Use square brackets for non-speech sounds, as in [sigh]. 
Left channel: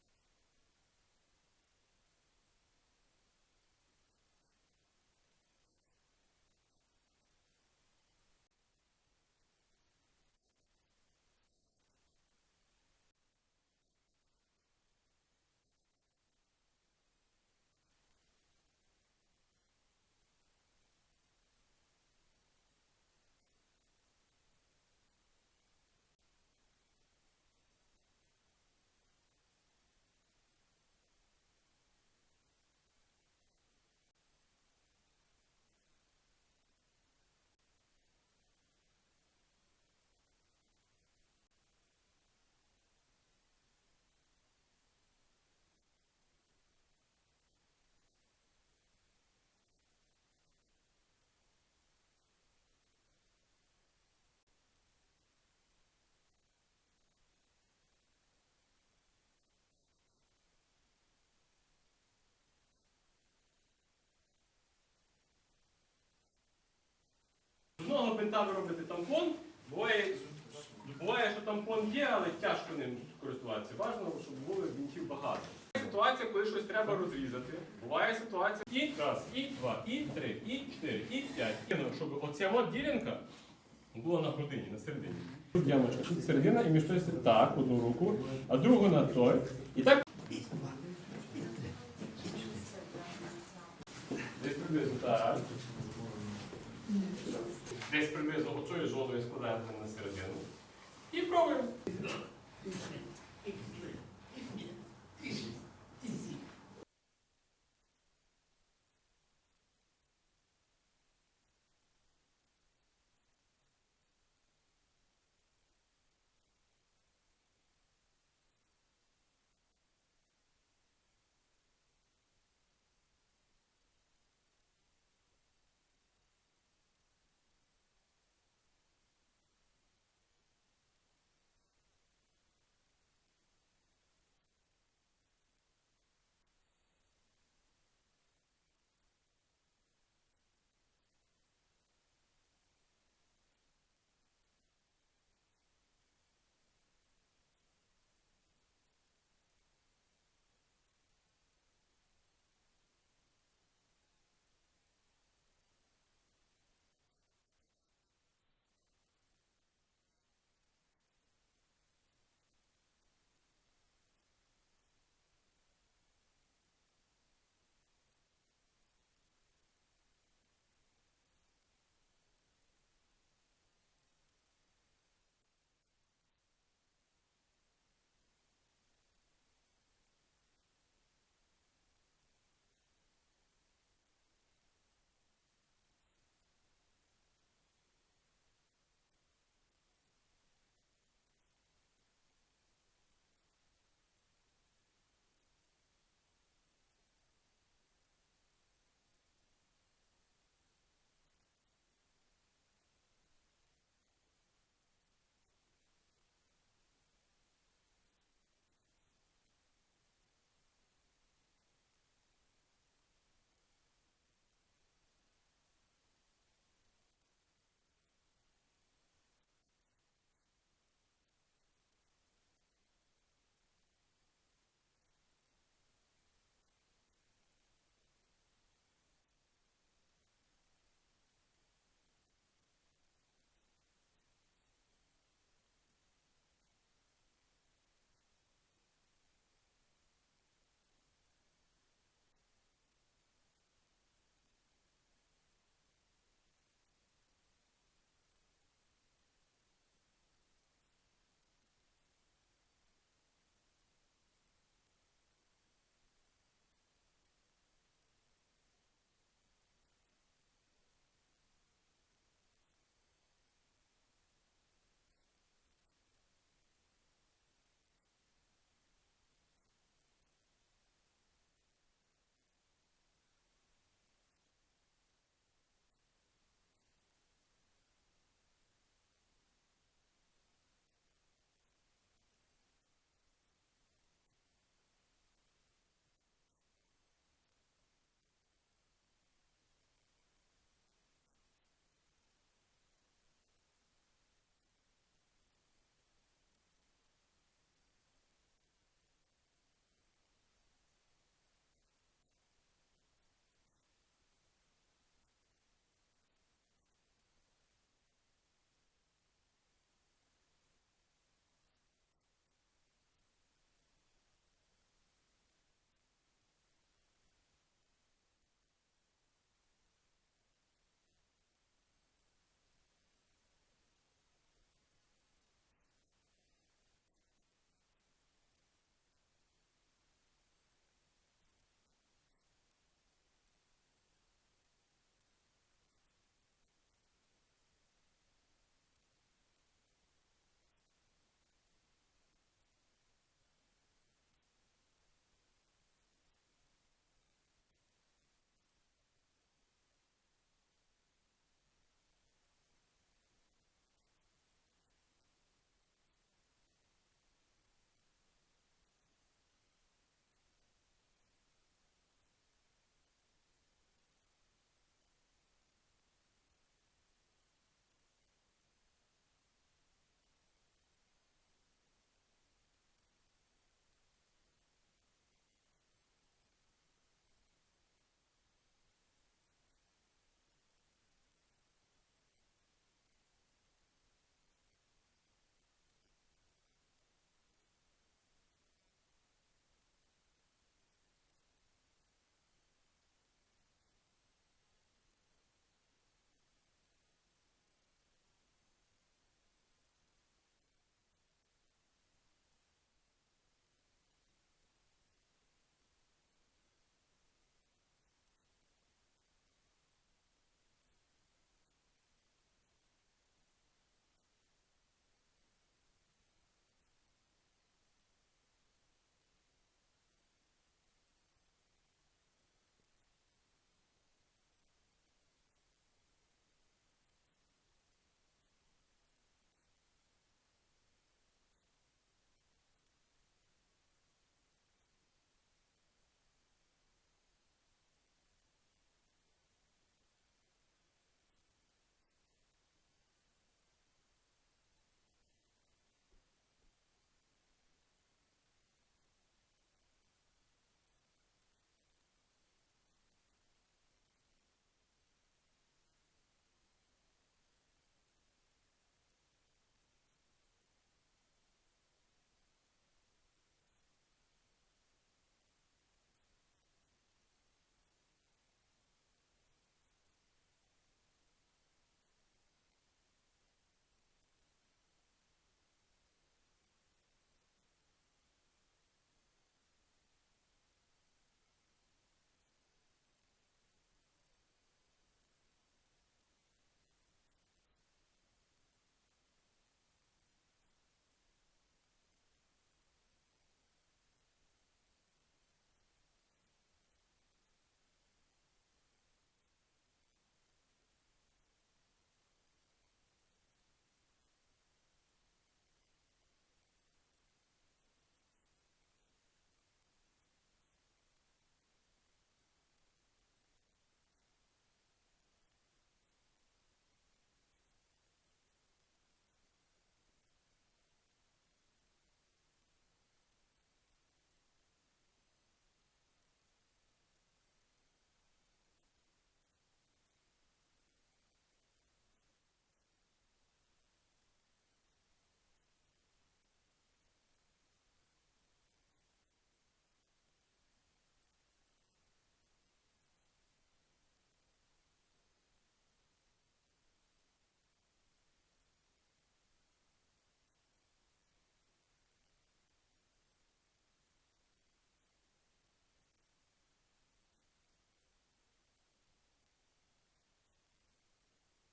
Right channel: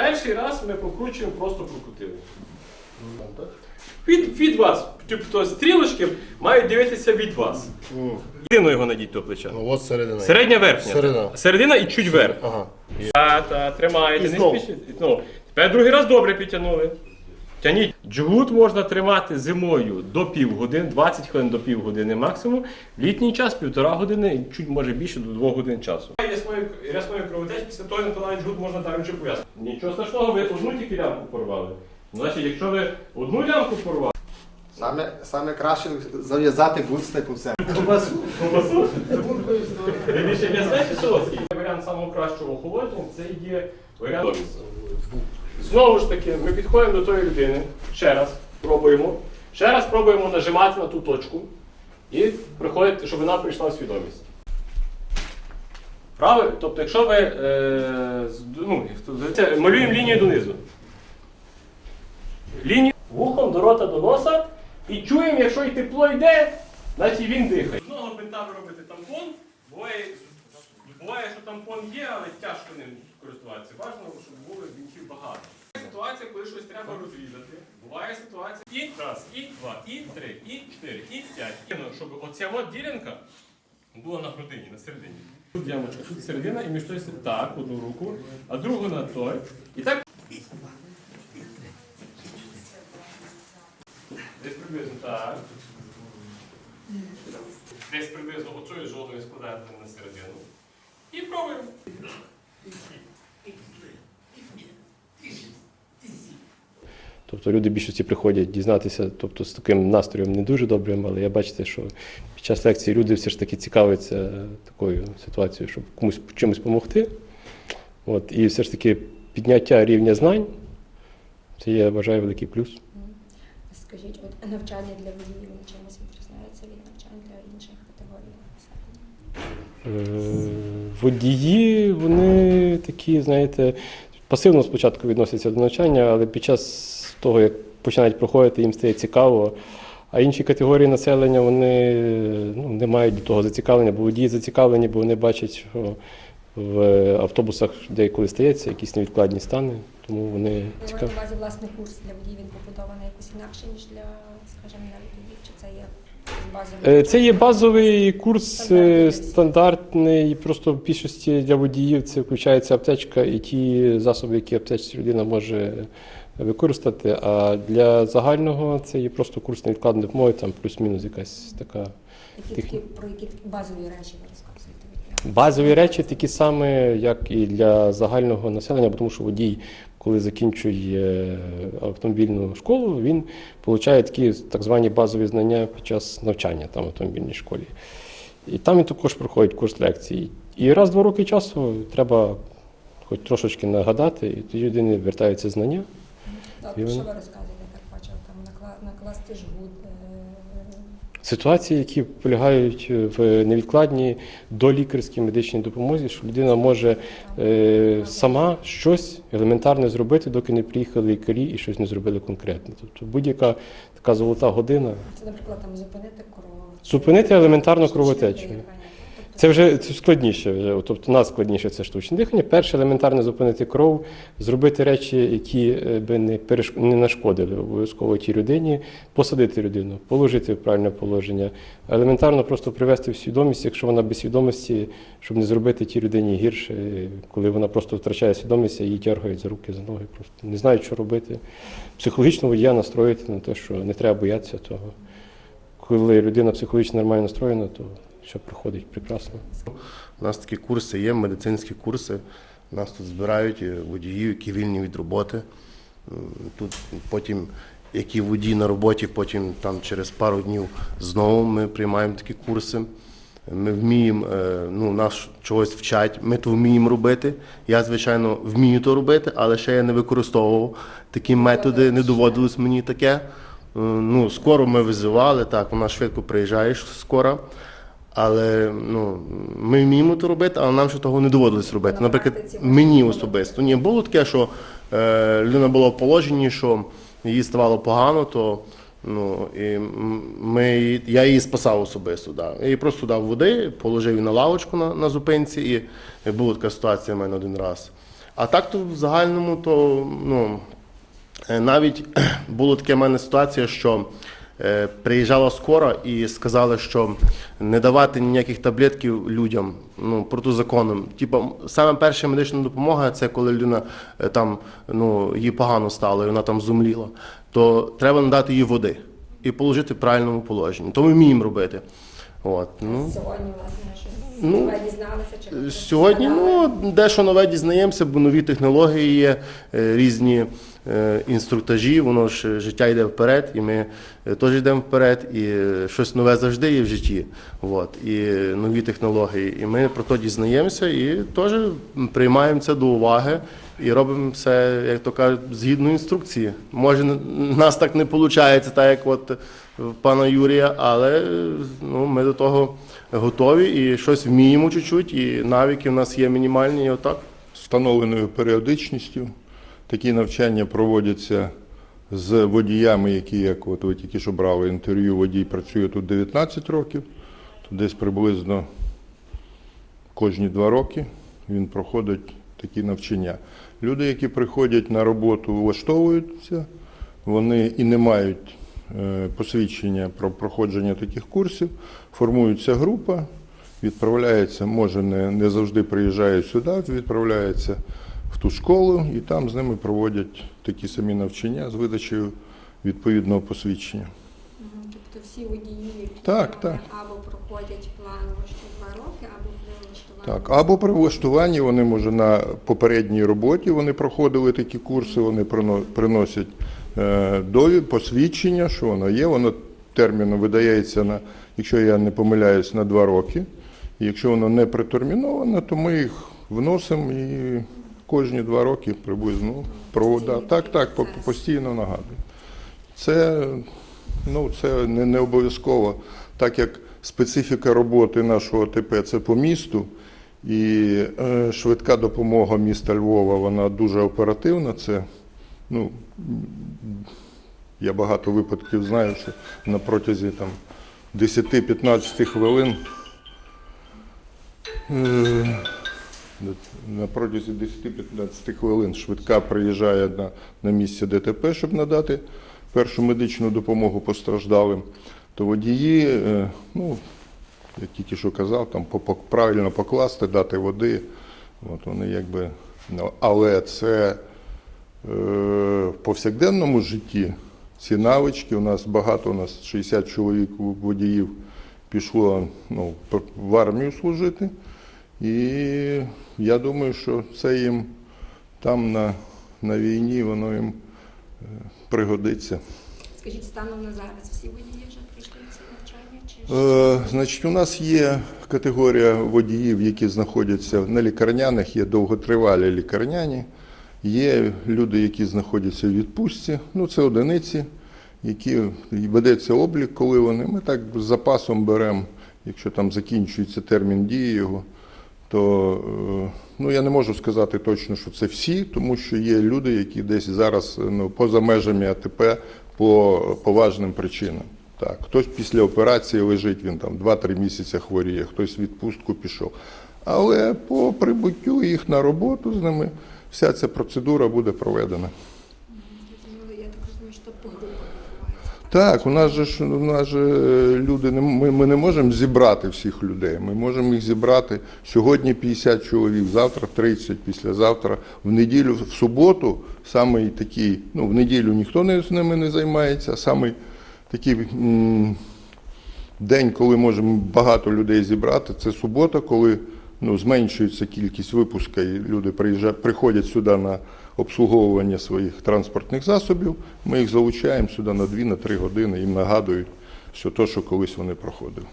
Перший раз ми прокручуємо, просто прокрутили. Від, від вас. Тобто стрілочки мають дивитися від вас. Єдино його надіть до плеча. Ну от середина. Середня верхня. Середина. Середина і чуть вверх. Ага. Та, та, тримаєте, І не спішіть. Ну, тепер другий раз добре підтягнули. Тяніть. Джгут можна тримати зимою до півгодини, 20 хвилин до півгодини максимум. В літній час півтора години, чуть може більше до двох годин часу. Рясною, рясною кровотеч після того накладають джгут можна далі вже пов'язати. Нічого страшного, ви одну тільки лямку порвали. Значить, якщо ви одну лямку порвали, Саме, саме краще зав'язати гудстику все. Ковбасу? Більше м'ясне чи солодкий? Варіант самого кращого охолодження це є варіант. Знову ж таки, ми підходимо до тої людини, ще раз пробуємо. Ще раз пробуємо нажимати на ту точку і приходити, щоб вона прийшла в свідомість. Правильно? Тобто, якщо ви е, ну, малюємо лінію донизу. Лінію вухом до рота до носа і чуємо, якщо і тепло йде, значить він дихає. З одного бинта ви робите тампон, що тампон є, але тяжко ним користуватися. Важливо, щоб було бінтів багато. Ситуація, коли щось треба розрізати. Буває ситуація і раз, і два, і три, і чотири, і п'ять. Ну, Щоб оця от ділянка була на грудині, на середині. Тут ямочка, тут середина, і між той так, одну руку, а другу на той. І так. Десь приблизно так. Десь приблизно оцею зоною складаємо на середину. І пробуємо. Тобто люди більшості приходять дізнатися, тобто з таким настроєм не дуже добрим, але я бачите, що під час лекції люди все ж таки цікавляться такою ситуацією, щоб комусь чимось допомогти. От, і все ж таки підняття рівня знань це я вважаю великий плюс. Скажіть, от навчання для водіїв чимось відрізняється від навчань для інших категорій населення? Водії, вони такі, знаєте, пасивно спочатку відносяться до навчання, але під час того, як починають проходити, їм стає цікаво. А інші категорії населення вони ну, не мають до того зацікавлення, бо водії зацікавлені, бо вони бачать, що в автобусах деколи стається якісь невідкладні стани, тому вони цікаві. на увазі власний курс для водіїв, він побудований якось інакше, ніж для, скажімо, навіть чи це є Це є базовий курс Стандартний е, стандартний. Просто в більшості для водіїв це включається аптечка і ті засоби, які аптечці людина може використати. А для загального це є просто курс невідкладної допомоги, там плюс-мінус якась така. Які про які базові речі ви розказуєте? Базові речі такі самі, як і для загального населення, тому що водій, коли закінчує автомобільну школу, він отримує такі так звані базові знання під час навчання там в автомобільній школі. І там він також проходить курс лекцій. І раз два роки часу треба хоч трошечки нагадати, і тоді людини вертаються знання. Так, І що ви розказуєте, так бачив, там накласти жгут, е, Ситуації, які полягають в невідкладній долікарській медичній допомозі, що людина може е, сама щось елементарне зробити, доки не приїхали лікарі і щось не зробили конкретно. Тобто будь-яка така золота година. це, наприклад, там зупинити кров. Зупинити елементарно штучне кровотечу. Це вже це складніше. Вже. Тобто найскладніше це штучне дихання. Перше елементарно зупинити кров, зробити речі, які е, би не переш... не нашкодили обов'язково тій людині, посадити людину, положити в правильне положення, елементарно просто привести в свідомість, якщо вона без свідомості, щоб не зробити тій людині гірше, коли вона просто втрачає свідомість, а її тягають за руки, за ноги, просто не знають, що робити. Психологічно водія настроїти на те, що не треба боятися того. Коли людина психологічно нормально настроєна, то все проходить прекрасно. У нас такі курси є, медицинські курси. Нас тут збирають е, водіїв, які вільні від роботи. Тут потім, які водії на роботі, потім там через пару днів знову ми приймаємо такі курси. Ми вміємо, е, ну, нас чогось вчать, ми то вміємо робити. Я, звичайно, вмію то робити, але ще я не використовував такі методи, не доводилось мені таке. Ну, скоро ми визивали, так, вона швидко приїжджає скоро. Але ну, ми вміємо то робити, але нам ще того не доводилось робити. Наприклад, мені особисто. Ні, було таке, що е, людина була в положенні, що їй ставало погано, то ну, і ми, я її спасав особисто. Да. Я їй просто дав води, положив її на лавочку на, на зупинці, і була така ситуація в мене один раз. А так то в загальному, то ну, е, навіть [clears throat] була така в мене ситуація, що приїжджала скора і сказали, що не давати ніяких таблетків людям ну, протизаконним. Типу, саме перша медична допомога це коли людина е, там ну, їй погано стало, і вона там зумліла, то треба надати їй води і положити в правильному положенні. То ми вміємо робити. От, ну. Сьогодні, власне, що Ну, ви дізналися чи Сьогодні ну, дещо нове дізнаємося, бо нові технології є, е, різні е, інструктажі, воно ж е, життя йде вперед, і ми е, теж йдемо вперед, і е, щось нове завжди є в житті. От, і е, нові технології. І ми про то дізнаємося і теж приймаємо це до уваги. І робимо все, як то кажуть, згідно інструкції. Може, нас так не виходить, так як от пана Юрія, але ну, ми до того готові і щось вміємо чуть-чуть, і навики в нас є мінімальні, і отак. встановленою періодичністю. Такі навчання проводяться з водіями, які, як от ви тільки що брали інтерв'ю, водій працює тут 19 років, то десь приблизно кожні два роки він проходить такі навчання. Люди, які приходять на роботу, влаштовуються, вони і не мають посвідчення про проходження таких курсів, формується група, відправляється, може не, не завжди приїжджає сюди, відправляється в ту школу і там з ними проводять такі самі навчання з видачею відповідного посвідчення. Тобто всі водії, Так, так. або проходять ще два роки, або при влаштуванні. Так, або при влаштуванні вони може на попередній роботі вони проходили такі курси, вони прино- приносять е, довід, посвідчення, що воно є. Воно терміном видається на, якщо я не помиляюсь, на два роки. І якщо воно не претерміноване, то ми їх вносимо і кожні два роки приблизно провода. Так, так, постійно нагадую. Це, ну, це не, не обов'язково, так як специфіка роботи нашого ТП це по місту, і е, швидка допомога міста Львова, вона дуже оперативна. Це, ну, я багато випадків знаю, що на протязі там, 10-15 хвилин. е, на протязі 10-15 хвилин швидка приїжджає на, на місце ДТП, щоб надати першу медичну допомогу постраждалим. То водії, е, ну, як тільки що казав, там правильно покласти, дати води. От вони якби, ну, але це в повсякденному житті ці навички. У нас багато, у нас 60 чоловік водіїв пішло ну, в армію служити. І я думаю, що це їм там на, на війні, воно їм е, пригодиться. Скажіть, станом на зараз всі водії вже пройшли ці навчання? Чи? Е, значить, у нас є категорія водіїв, які знаходяться на лікарняних, є довготривалі лікарняні, є люди, які знаходяться в відпустці, ну це одиниці, які ведеться облік, коли вони. Ми так з запасом беремо, якщо там закінчується термін дії його, то е, ну, я не можу сказати точно, що це всі, тому що є люди, які десь зараз ну, поза межами АТП по поважним причинам. Так, хтось після операції лежить, він там 2-3 місяці хворіє, хтось в відпустку пішов. Але по прибуттю їх на роботу з ними вся ця процедура буде проведена. Так у нас же ж у нас же е, люди не ми, ми не можемо зібрати всіх людей. Ми можемо їх зібрати сьогодні 50 чоловік, завтра 30, післязавтра, в неділю, в суботу, самий такий, ну в неділю ніхто не з ними не займається, самий такий м, день, коли можемо багато людей зібрати, це субота, коли ну, зменшується кількість випуска, і люди приїжджають, приходять сюди на обслуговування своїх транспортних засобів. Ми їх залучаємо сюди на 2-3 години, їм нагадують все те, що колись вони проходили.